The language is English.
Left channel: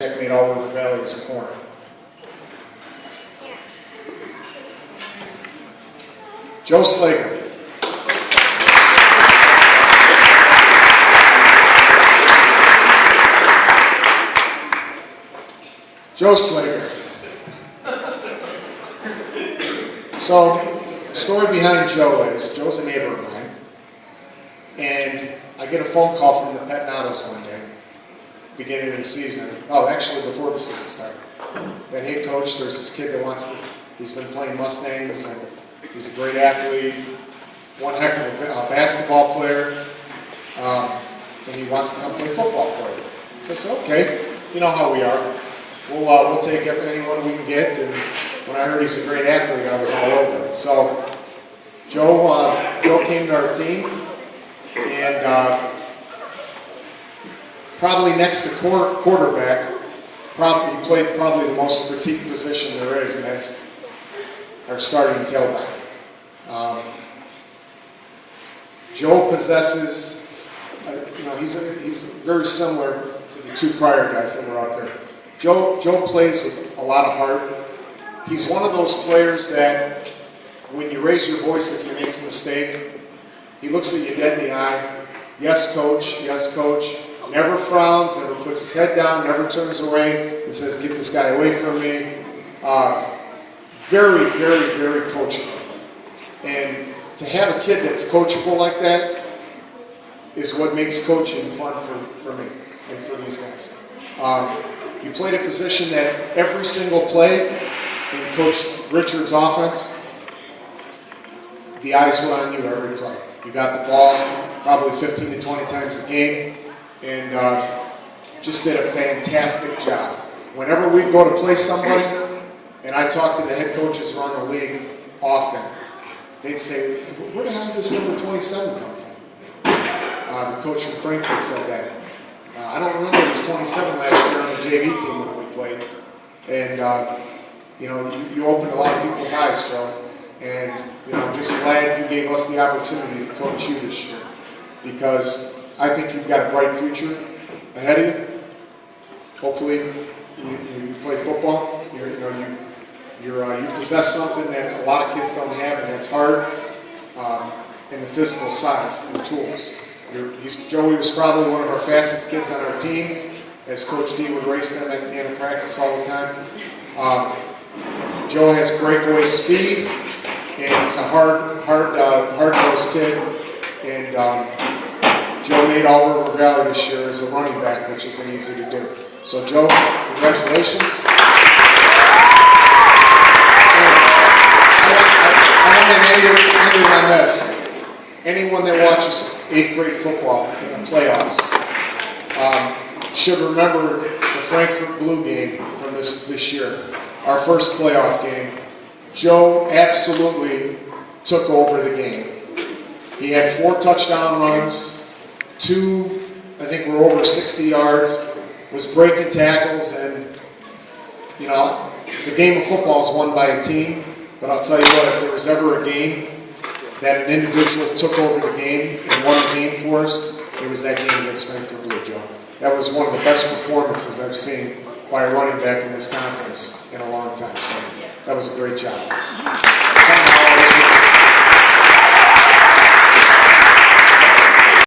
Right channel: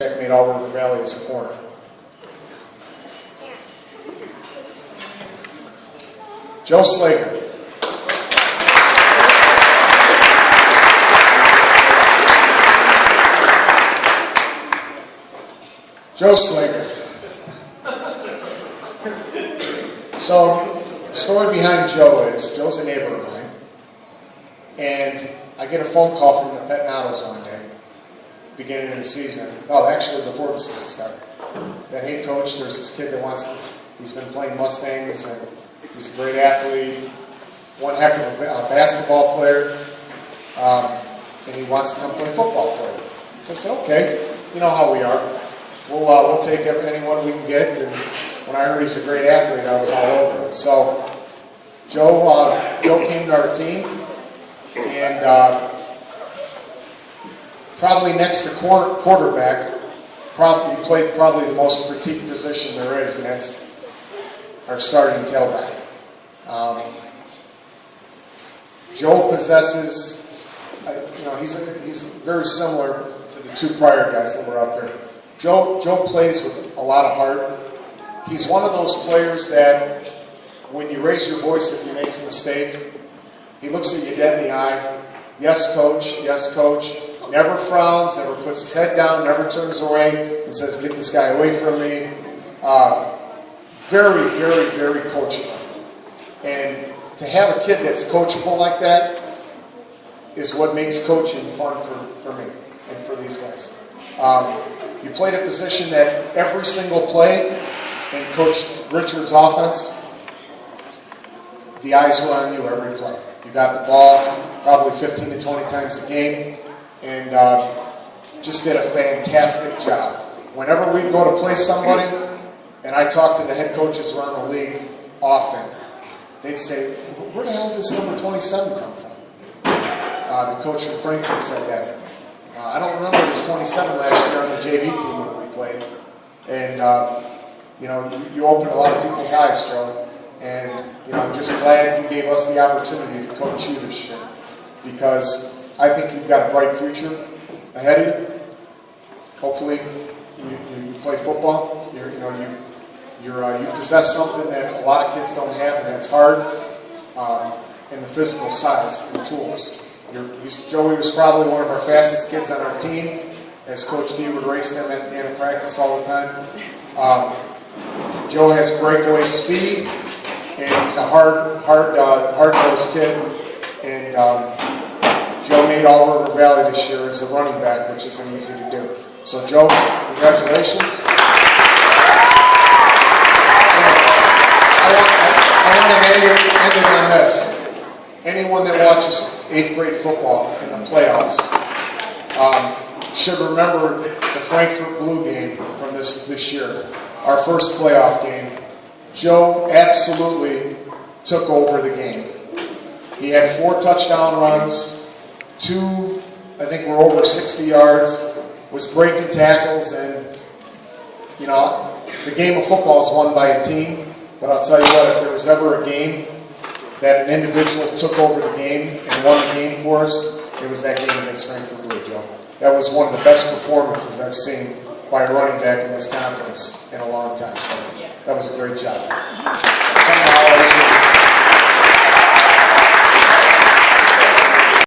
Checkmate all over the valley as a corner. Joe Slager. Joe Slager. So, the story behind Joe is, Joe's a neighbor of mine, and I get a phone call from the Petnatos one day, beginning of the season. Oh, actually before the season started. That, hey coach, there's this kid that he's been playing Mustangs, and he's a great athlete, one heck of a basketball player, and he wants to come play football for you. I said, okay, you know how we are. We'll take anyone we can get, and when I heard he's a great athlete, I was all over it. So Joe came to our team, and probably next to quarterback, he played probably the most critiqued position there is, and that's our starting tailback. Joe possesses, he's very similar to the two prior guys that were up here. Joe plays with a lot of heart. He's one of those players that when you raise your voice if he makes a mistake, he looks at you dead in the eye. Yes, coach. Yes, coach. Never frowns, never puts his head down, never turns away and says, get this guy away from me. Very, very, very coachable. And to have a kid that's coachable like that is what makes coaching fun for me and for these guys. You played a position that every single play in Coach Richard's offense, the eyes were on you every play. You got the ball probably 15 to 20 times a game, and just did a fantastic job. Whenever we'd go to play somebody, and I talk to the head coaches around the league often, they'd say, where the hell did this number 27 come from? The coach from Frankfurt said that. I don't remember, it was 27 last year on the JV team that we played. And, you opened a lot of people's eyes, Joe. And, I'm just glad you gave us the opportunity to coach you this year. Because I think you've got a bright future ahead of you. Hopefully, you play football. You possess something that a lot of kids don't have, and that's hard, and the physical size and tools. Joey was probably one of our fastest kids on our team, as Coach D would race them at the end of practice all the time. Joe has breakaway speed, and he's a hard-nosed kid. And Joe made all River Valley this year as a running back, which isn't easy to do. So, Joe, congratulations. I want to end it on this. Anyone that watches 8th grade football in the playoffs should remember the Frankfurt Blue game from this year, our first playoff game. Joe absolutely took over the game. He had 4 touchdown runs, 2, I think, were over 60 yards, was breaking tackles, and, the game of football is won by a team. But I'll tell you what, if there was ever a game that an individual took over the game and won the game for us, it was that game against Frankfurt Blue, Joe. That was one of the best performances I've seen by a running back in this conference in a long time. So that was a great job.